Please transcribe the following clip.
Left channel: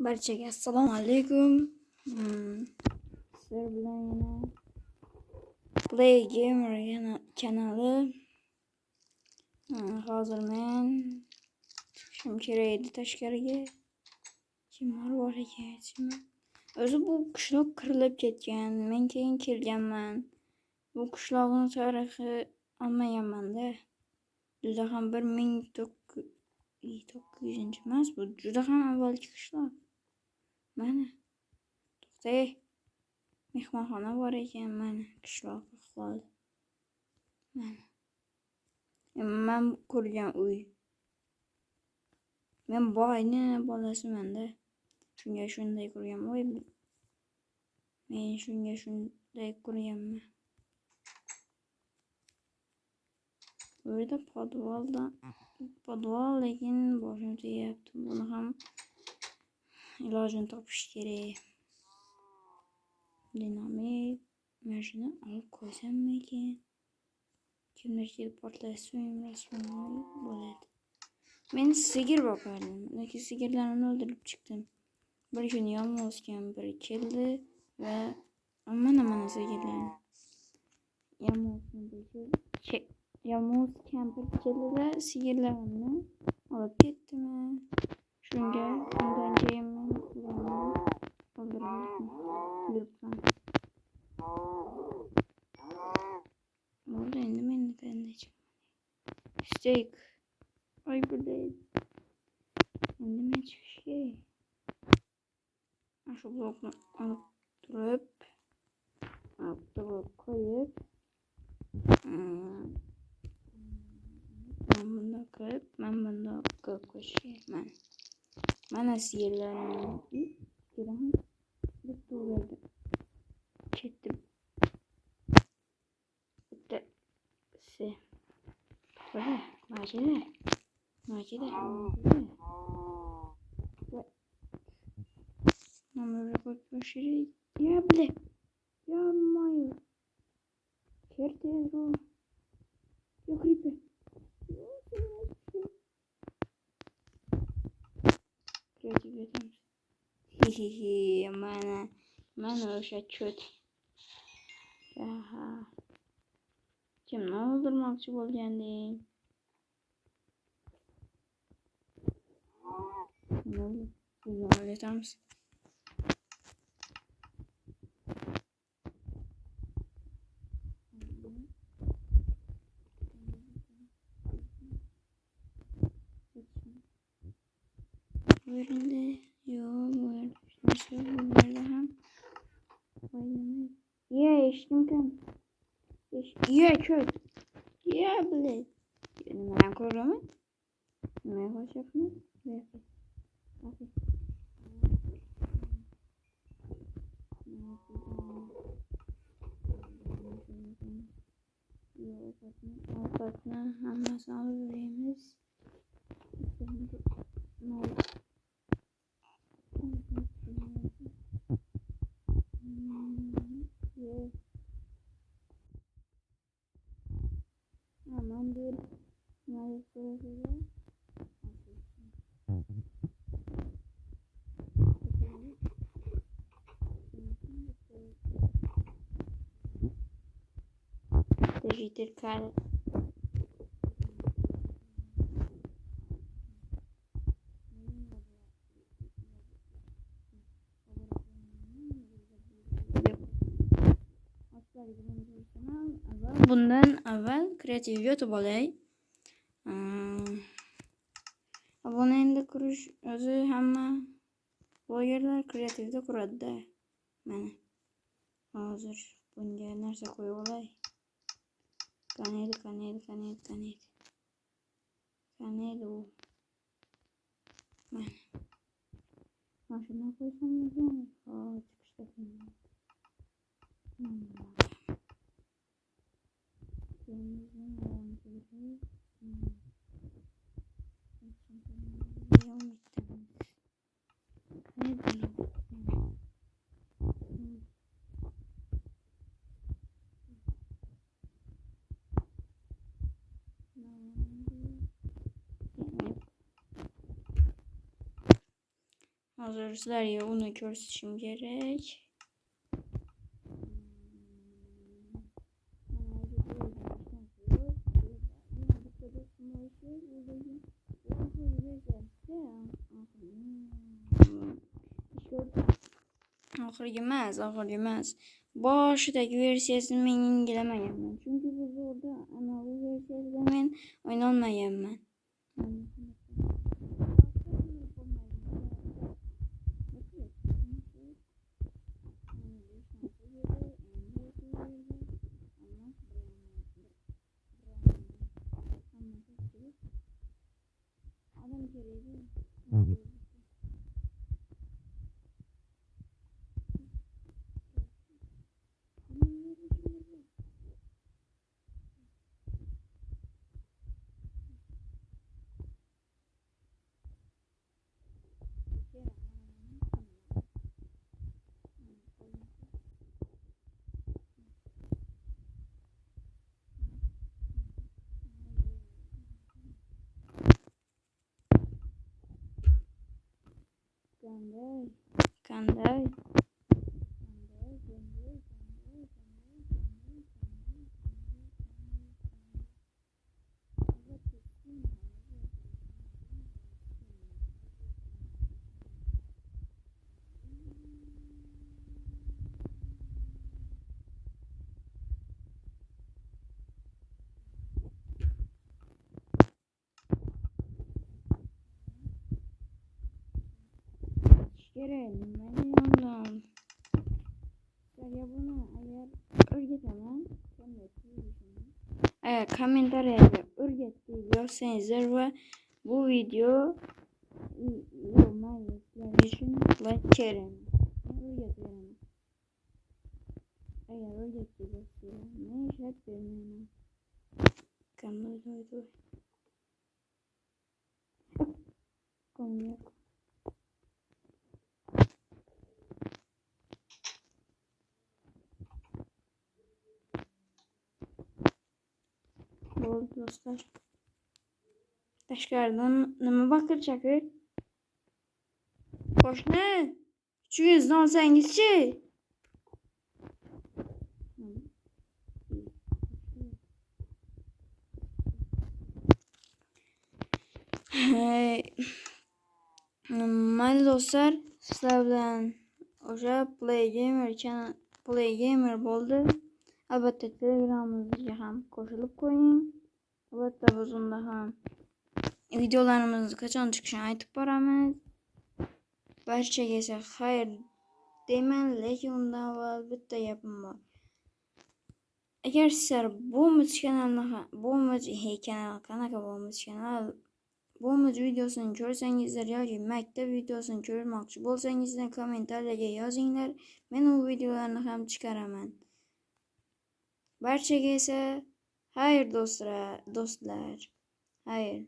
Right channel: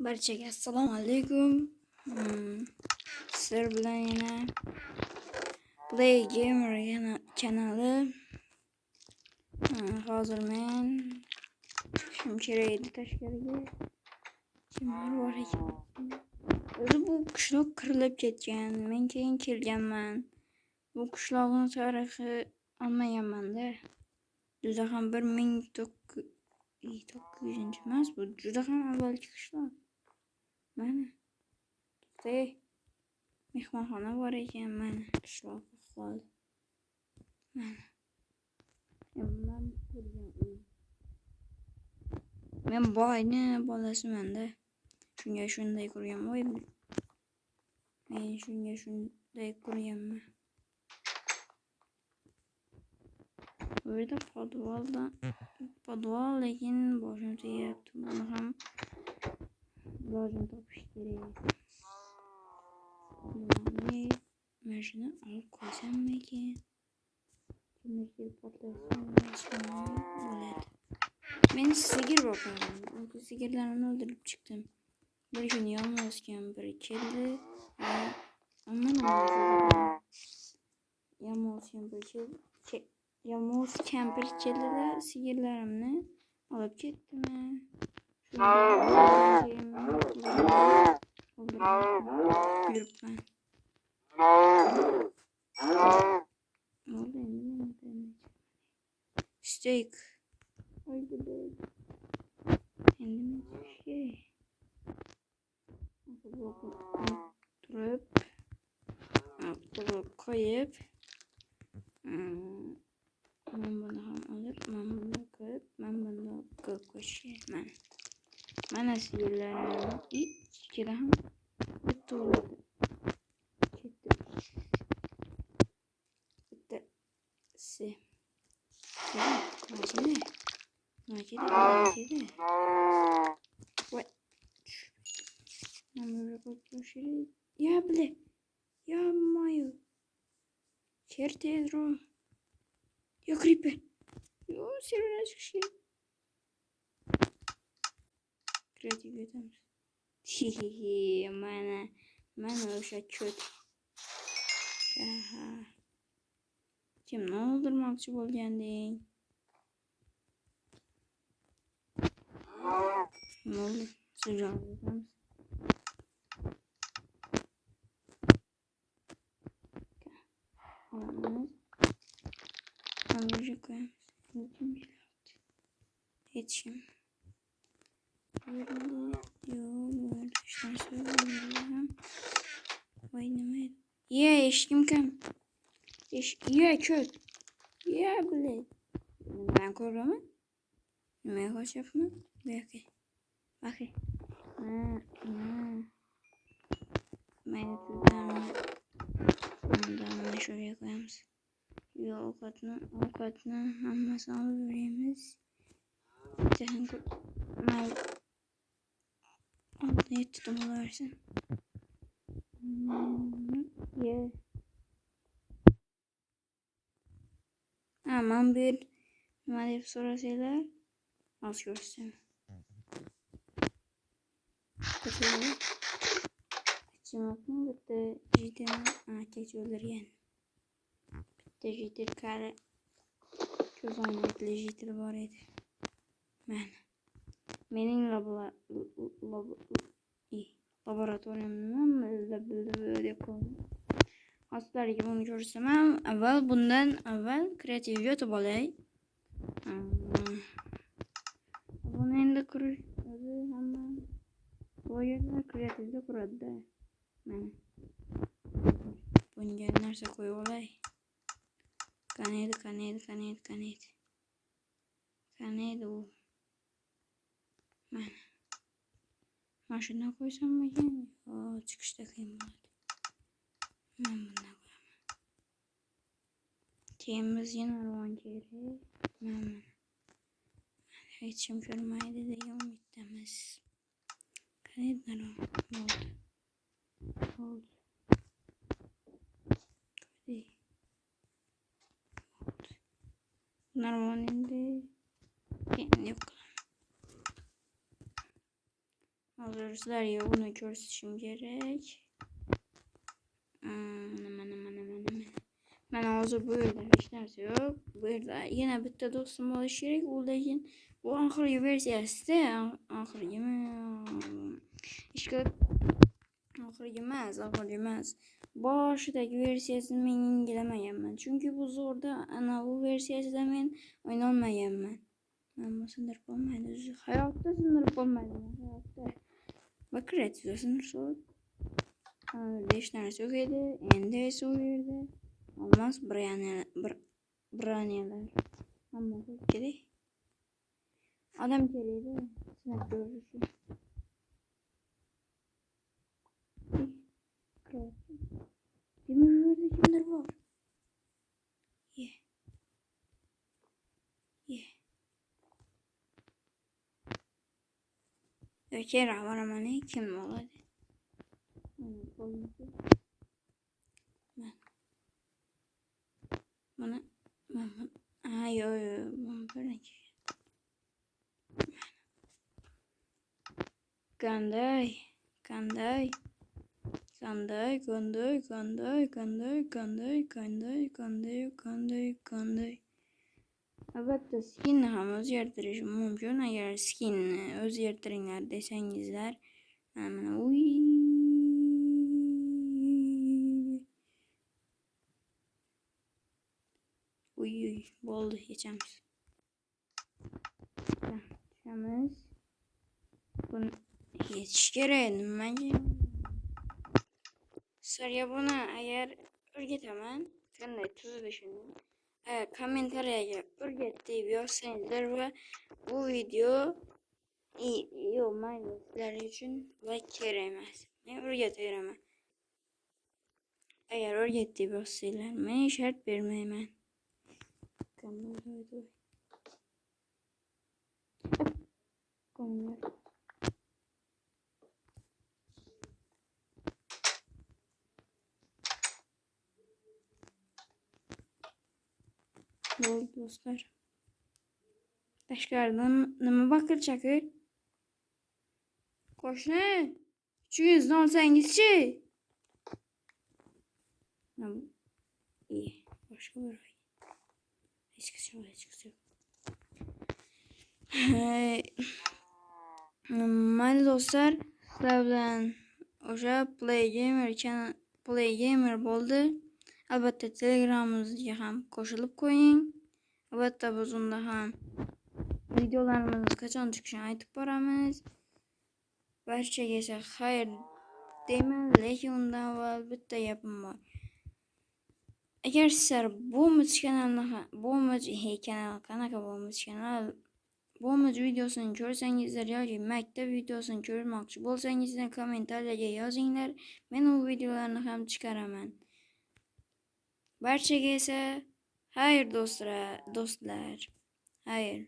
Barchaga assalomu alaykum. Sizlar bilan yana Play Gamer kanali. Hozir men chiqishim kerak edi tashqariga. Kimlar bor ekan? O'zi bu qishloq qirilib ketgan. Men keyin kelganman. Bu qishloqning tarixi olmaganman-da. Juda ham 1900 emas, bu juda ham avvalgi qishloq. Mana to'xtay, mehmonxona bor ekan, mana qishloq ahvoli. Mana men ko'rgan uy. Men boyni bolasiman-da. Shunga shunday ko'rganman. Men shunga shunday ko'rganman. Bu yerda podval lekin boshim tegayapti. Buni ham ilojini topish kerak. Dinamit. Men shuni olib qo'ysammikin? Kimdir kelib portlasmi bo'ladi. Men sigir boqardim. Lekin sigirlarni o'ldirib chiqdim. Bir kun yolg'iz kampir keldi va yolg'iz kampir keldi-da, sigirlarimni olib ketdimi? Shundan keyin yuribman. Bo'ldi, endi men qanday steak. Ay bo'ladi. Endi men chiqish kerak. Shu blokni olib turib, qo'yib, men buni ham olib, men bunda qo'yib qo'yish kerak. Mana sigirlarim ichida ham bitta bo'ladi. Ketdim. Bittasi. Lazımı? Nakide. What? Namara bakmışırı. Ya bile. Ya mayo. Kertezro. Ya creeper. Yo sirene çıkışı. Kreatif yetemez. Hihihi. Mana o'sha kötü. Aha. Kimni o'ldirmoqchi bo'lganding? Ne oldu? Sıcağı yeter misin? Hamburger koyalım. Yetişim. Böyle yok böyle. İşte şöyle hem. Oynamayı. Ya eşkim kim? Ya köy. Ya bile. Ben korumu. Ne hoş yapma. Belki. Bakın. Ben de şuraya koyalım. Avukatını hammasını alabiliriz. Sen altına tutamalırsın. Yeah. Aman bir madem sonra şeyler az görsün. Çimaklı bitti jiten keçiyorlar Jiter kare güzel jiter var idi. Mening laboratuvarımdan böyle koydum. Hastalarga buni ko'rsam ham bundan avval kreativ yotib olay. Buni endi qurish o'zi hamma blogerlar kreativda quradi-da. Mana hozir bunga narsa qo'yib olay. Kanaydi u. Mana shundan qo'ysammikin? Chiqishda qiyin bo'ladi. Bundan qo'yaman. Keyin biz yana ravon kerak. Hech kim ko'rmaydi degan umiddamiz. Qanday bo'ldi? Normalde yok. Hazır sizlerge bunu ko'rsatishim kerak. Ben hozir bu yerda hech narsa yo'q. Bu yerda yana bitta do'stim bo'lishi kerak. U lekin bu oxirgi versiyasida, oxirgimi? Oxirgi emas. Boshidagi versiyasini men yengilamaganman. Chunki bu zo'rda ana bu versiyasida men o'ynolmaganman. Mana sindirib bo'lmaydi. Hayotda sindirib bo'lmaydi. Hayotda. Bak kreativ sindirib. Hech narsa yo'q edi. Endi esa u yerda olmos braniyalar. Hamma kerak. Odam kerak edi. Sinab ko'rish uchun. Kimdir bor. Kera boraman kim bo'ladi? Mana yo qanday albatta skinni ham o'zgartirish mumkin. Agar skinni o'zgartiringlar desangizlar, mana bo'ldi, yechamiz. Buni yechish kerak. Nimaga undan? Sizlarga buni agar o'rgataman, qanday tuzilishini. Agar kommentariyaga o'rgat deb yozsangizlar va bu video mayli sizlar uchun like kerak emas. Men o'rgataveraman. Agar o'rgat deb yozsanglar, men shart bermayman. Bo'ldi do'stlar. Tashqaridan nima baqirchaqi? Qo'shni, uchingizni olsangizchi? Boshqa bir mayli do'stlar, sizlar bilan o'sha Play Gamer bo'ldi. Albatta Telegramimizga ham qo'shilib qo'ying. Albatta biz unda ham videolarimiz qachon chiqishini aytib boramiz. Barchaga esa xayr deyman, lekin undan avval bitta gapim bor. Agar sizlar Bomich videosini ko'rsangizlar yoki maktab videosini ko'rmoqchi bo'lsangizlar, kommentariyaga yozinglar. Men u videolarni ham chiqaraman. Barchaga esa xayr do'stlar. Xayr.